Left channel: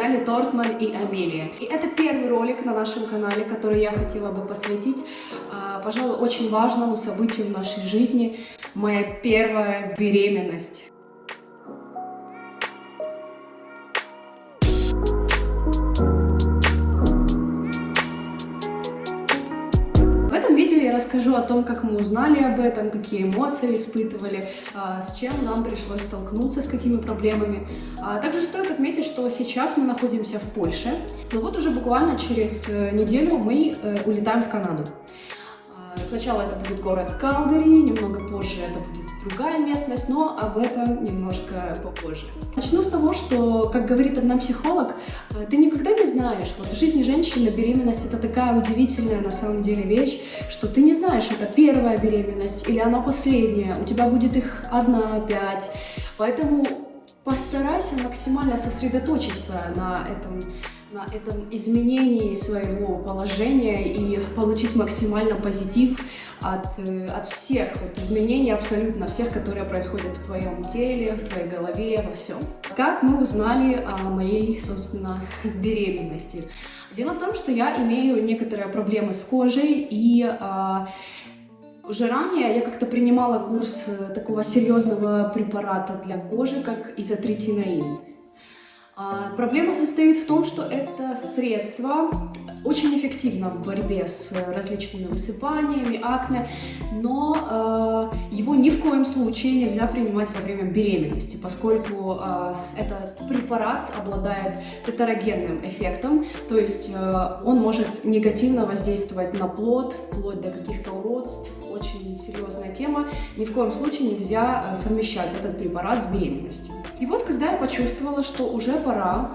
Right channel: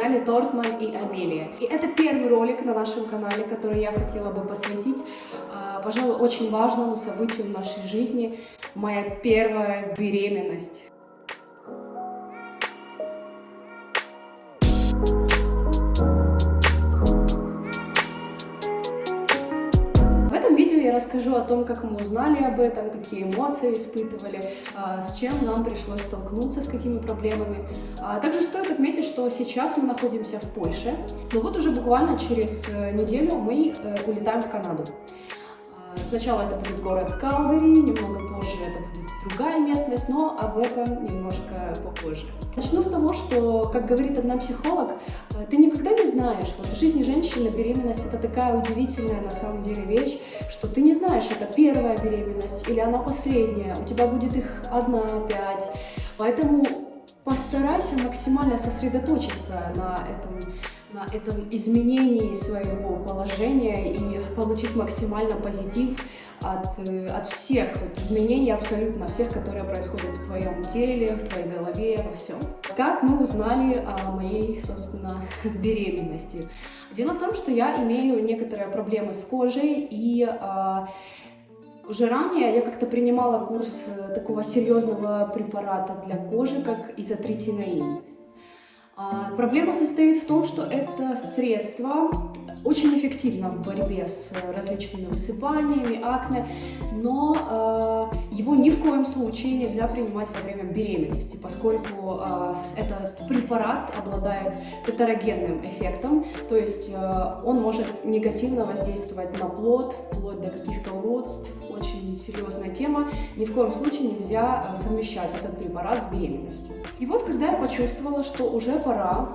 канале Тортман и Амелия. И это первый ролик на нашем канале, который я хотела бы посвятить, пожалуй, очень важному событию в нашей жизни — моя первая беременность. Расскажу о том, как мы узнали об этом, какие эмоции испытывали, с чем нам пришлось столкнуться, с какими проблемами. Также стоит отметить, что сейчас мы находимся в Польше, но вот уже буквально через неделю мы улетаем в Канаду. Сначала это будет город Калгари, немного позже это будет другая местность, но об этом немножко попозже. Начну с того, что, как говорит одна психолог, ты никогда не знаешь, вот в жизни женщины беременность — это такая удивительная на самом деле вещь, что ты не знаешь, это первая беременность или она последняя, у тебя будет их 1, 5, поэтому постарайся максимально сосредоточиться на этом изменении своего положения и получить максимально позитив от всех изменений, абсолютно всех, которые происходят в твоем теле, в твоей голове, во всем. Как мы узнали о моей, собственно, беременности? Дело в том, что я имею некоторые проблемы с кожей, и уже ранее я как-то принимала курс такого серьезного препарата для кожи, как изотретинаин. Проблема состоит в том, что это средство очень эффективно в борьбе с различными высыпаниями, акне, но его ни в коем случае нельзя принимать во время беременности, поскольку этот препарат обладает тетерогенным эффектом, то есть он может негативно воздействовать на плод, вплоть до каких-то уродств. Очень серьезная тема. Ни в коем случае нельзя совмещать этот препарат с беременностью. И вот, когда я почувствовала, что уже пора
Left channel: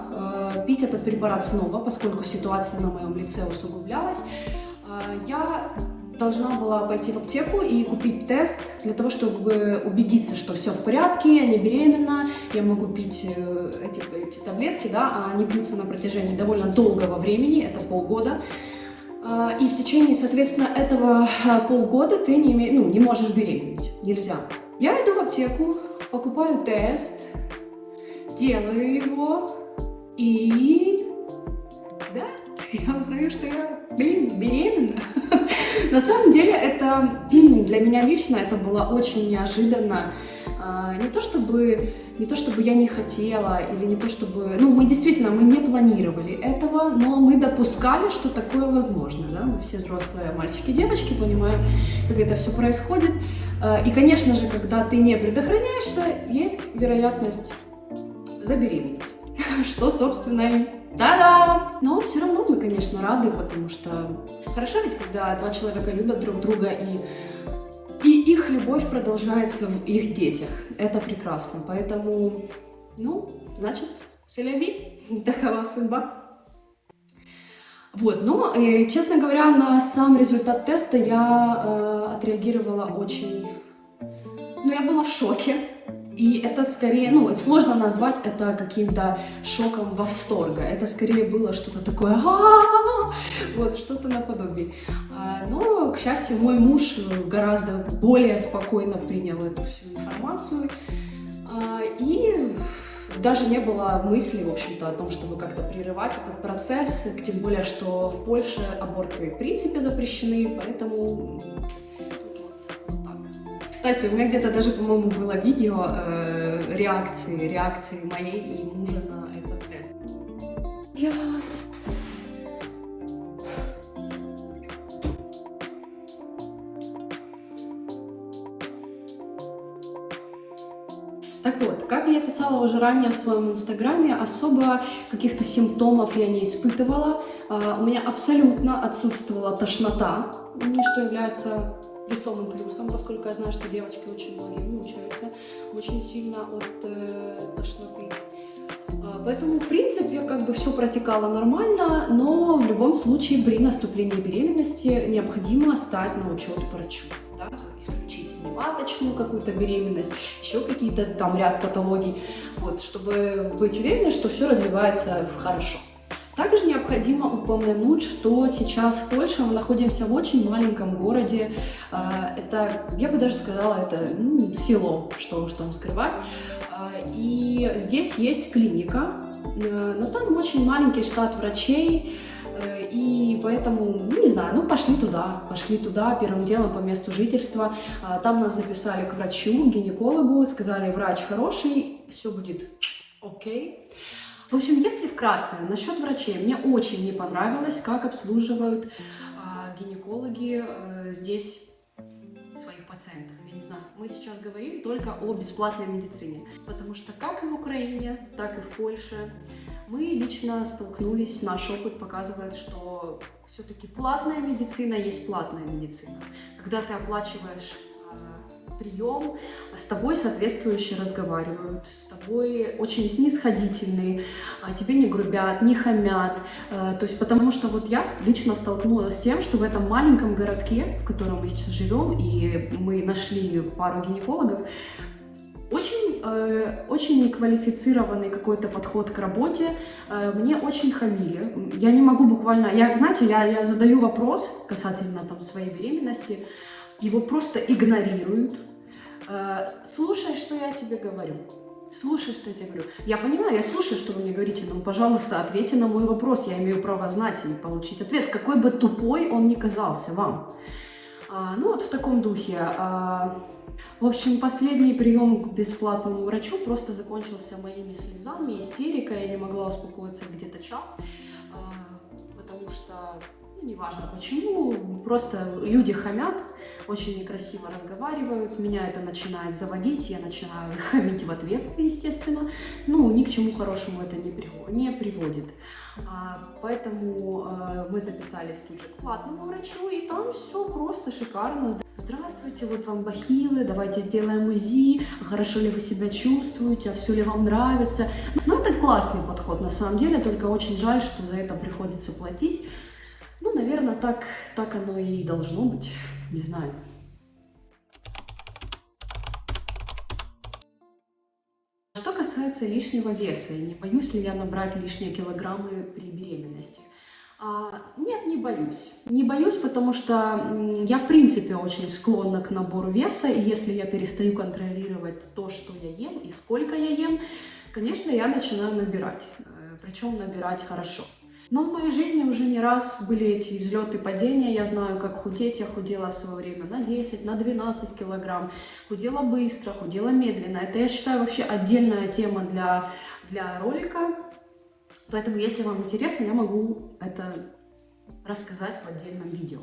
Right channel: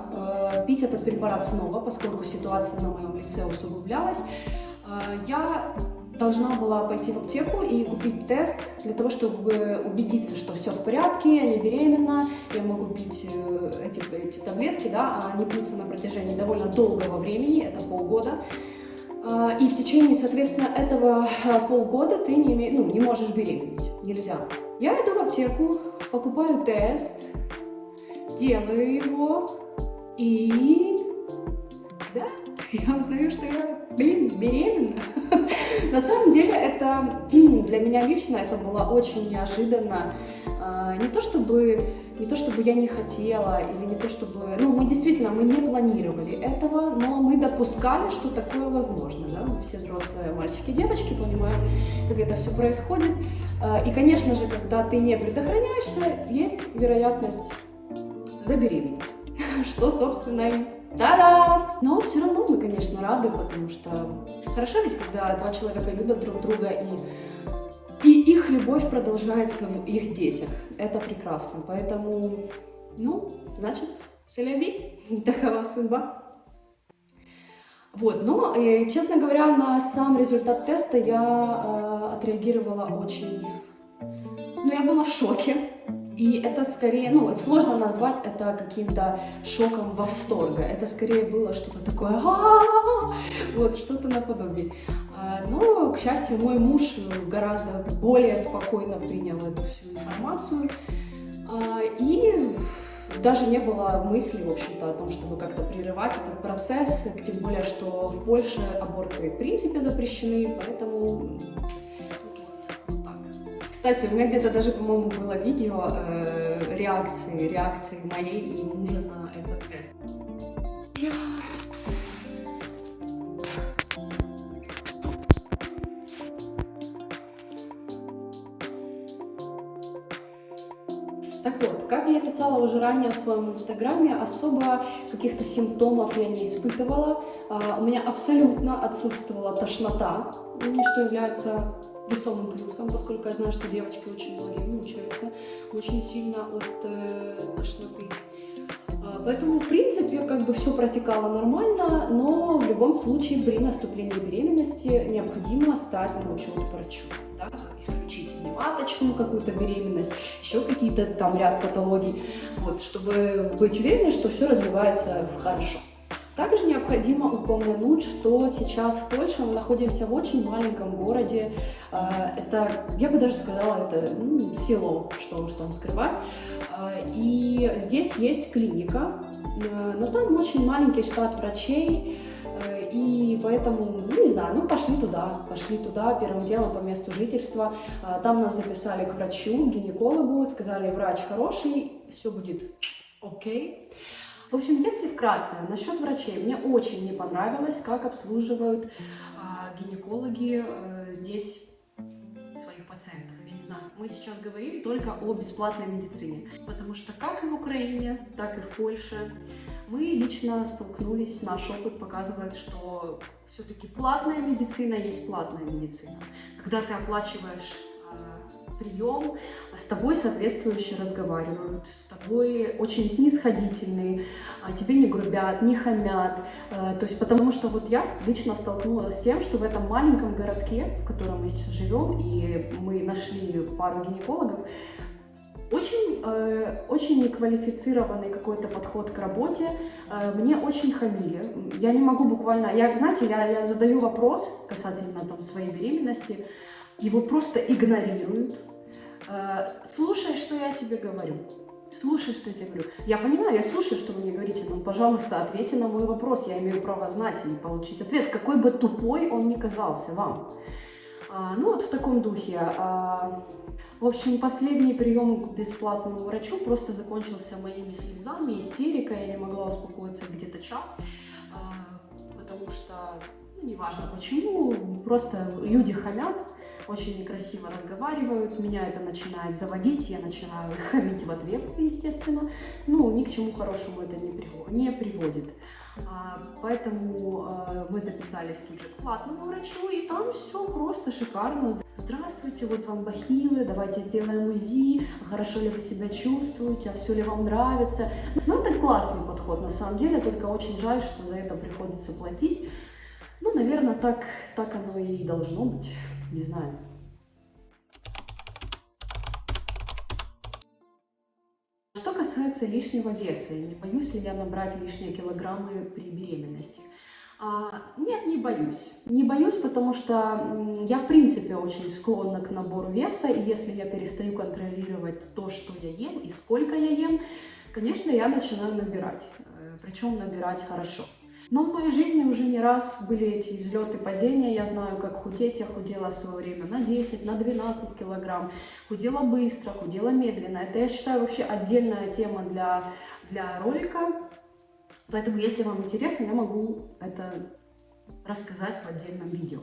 пить этот препарат снова, поскольку ситуация на моем лице усугублялась, я должна была пойти в аптеку и купить тест для того, чтобы убедиться, что все в порядке, я не беременна, я могу пить эти таблетки, да, они пьются на протяжении довольно долгого времени, это полгода. И в течение, соответственно, этого полгода ты не можешь беременеть, нельзя. Я иду в аптеку, покупаю тест, делаю его, и да, я узнаю, что я, беременна. На самом деле, это для меня лично это было очень неожиданно. Не то чтобы я не хотела, или не то чтобы... мы не планировали этого, но мы допускали, что такое возможно. Да? Мы все взрослые мальчики и девочки понимаем, как это все происходит. И, конечно же, когда ты не предохраняешься, есть вероятность забеременеть. Что, собственно, и да-да! Но все равно мы, конечно, рады, потому что хорошо ведь, когда два человека любят друг друга, и их любовь продолжается в их детях. Это прекрасно. Поэтому, значит, c'est-la-vie, такова судьба. Вот, но, честно говоря, на сам результат теста я отреагировала очень... я была в шоке. И это скорее, это сложно назвать это каким-то шоком восторга. Это скорее было что-то такое, вот, что-то наподобие. Но, к счастью, мой муж гораздо более спокойно принял эту всю информацию. И даже не было мысли, в общем-то, о том, чтобы как-то прерывать этот процесс. Тем более, что в Польше аборты в принципе запрещены, поэтому... Кстати, у меня где-то даже, по-моему, было видео реакции моей и мужа на этот тест. Так вот, как я писала уже ранее в своем инстаграме, особо каких-то симптомов я не испытывала. У меня абсолютно отсутствовала тошнота, что является весомым плюсом, поскольку я знаю, что девочки очень многие мучаются очень сильно от тошноты. Поэтому, в принципе, все протекало нормально, но в любом случае при наступлении беременности необходимо стать на учет к врачу, да, исключить маточную какую-то беременность, еще какие-то там ряд патологий, вот, чтобы быть уверенной, что все развивается хорошо. Также необходимо упомянуть, что сейчас в Польше мы находимся в очень маленьком городе. Это, я бы даже сказала, это село, что уж там скрывать. И здесь есть клиника, но там очень маленький штат врачей, и поэтому, ну, не знаю, ну пошли туда первым делом по месту жительства. Там нас записали к врачу, к гинекологу, сказали, врач хороший, все будет окей. В общем, если вкратце, насчет врачей, мне очень не понравилось, как обслуживают гинекологи здесь своих пациентов. Я не знаю, мы сейчас говорим только о бесплатной медицине, потому что как и в Украине, так и в Польше мы лично столкнулись, наш опыт показывает, что все-таки платная медицина есть платная медицина. Когда ты оплачиваешь прием, с тобой соответствующе разговаривают, с тобой очень снисходительные, тебе не грубят, не хамят. То есть, потому что вот я лично столкнулась с тем, что в этом маленьком городке, в котором мы сейчас живем, и мы нашли пару гинекологов, очень неквалифицированный какой-то подход к работе, мне очень хамили. Я не могу буквально, знаете, я задаю вопрос касательно там своей беременности, его просто игнорируют. Слушай, что я тебе говорю. Слушай, что я тебе говорю. Я понимаю, я слушаю, что вы мне говорите, но, пожалуйста, ответьте на мой вопрос. Я имею право знать и получить ответ, какой бы тупой он ни казался вам. Ну вот в таком духе. В общем, последний прием к бесплатному врачу просто закончился моими слезами, истерикой. Я не могла успокоиться где-то час, потому что, неважно почему, просто люди хамят, очень некрасиво разговаривают, меня это начинает заводить, я начинаю хамить в ответ, естественно. Ну, ни к чему хорошему это не приводит. Поэтому мы записались тут же к платному врачу, и там все просто шикарно. Здравствуйте, вот вам бахилы, давайте сделаем УЗИ, хорошо ли вы себя чувствуете, все ли вам нравится. Ну, это классный подход на самом деле, только очень жаль, что за это приходится платить. Ну, наверное, так оно и должно быть, не знаю. Что касается лишнего веса, не боюсь ли я набрать лишние килограммы при беременности? Нет, не боюсь. Не боюсь, потому что я, в принципе, очень склонна к набору веса, и если я перестаю контролировать то, что я ем и сколько я ем, конечно, я начинаю набирать, причем набирать хорошо. Но в моей жизни уже не раз были эти взлеты и падения. Я знаю, как худеть. Я худела в свое время на 10, на 12 килограмм. Худела быстро, худела медленно. Это, я считаю, вообще отдельная тема для ролика. Поэтому, если вам интересно, я могу это рассказать в отдельном видео.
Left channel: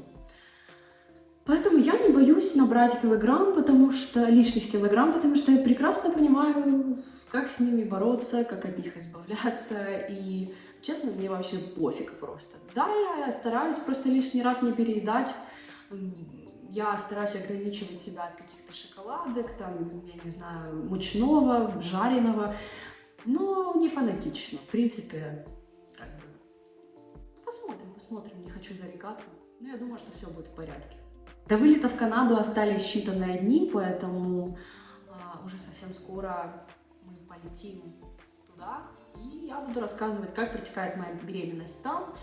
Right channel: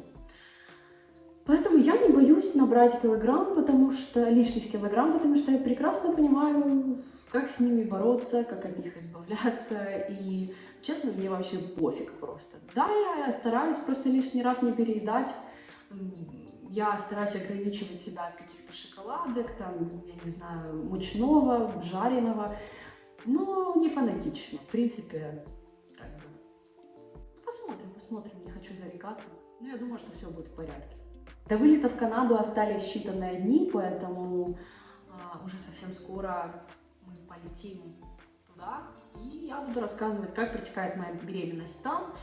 Поэтому я не боюсь набрать лишних килограмм, потому что я прекрасно понимаю, как с ними бороться, как от них избавляться. И, честно, мне вообще пофиг просто. Да, я стараюсь просто лишний раз не переедать. Я стараюсь ограничивать себя от каких-то шоколадок, там, я не знаю, мучного, жареного. Но не фанатично. В принципе, как бы, посмотрим, не хочу зарекаться. Но я думаю, что все будет в порядке. До вылета в Канаду остались считанные дни, поэтому уже совсем скоро мы полетим туда. И я буду рассказывать, как протекает моя беременность там,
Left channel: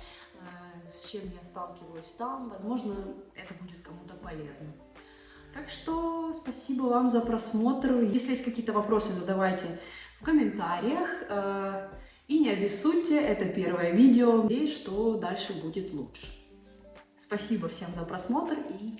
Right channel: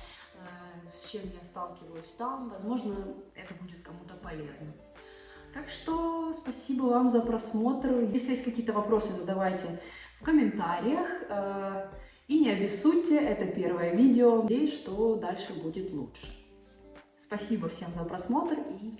с чем я сталкиваюсь там. Возможно, это будет кому-то полезно. Так что спасибо вам за просмотр. Если есть какие-то вопросы, задавайте в комментариях. И не обессудьте, это первое видео. Надеюсь, что дальше будет лучше. Спасибо всем за просмотр и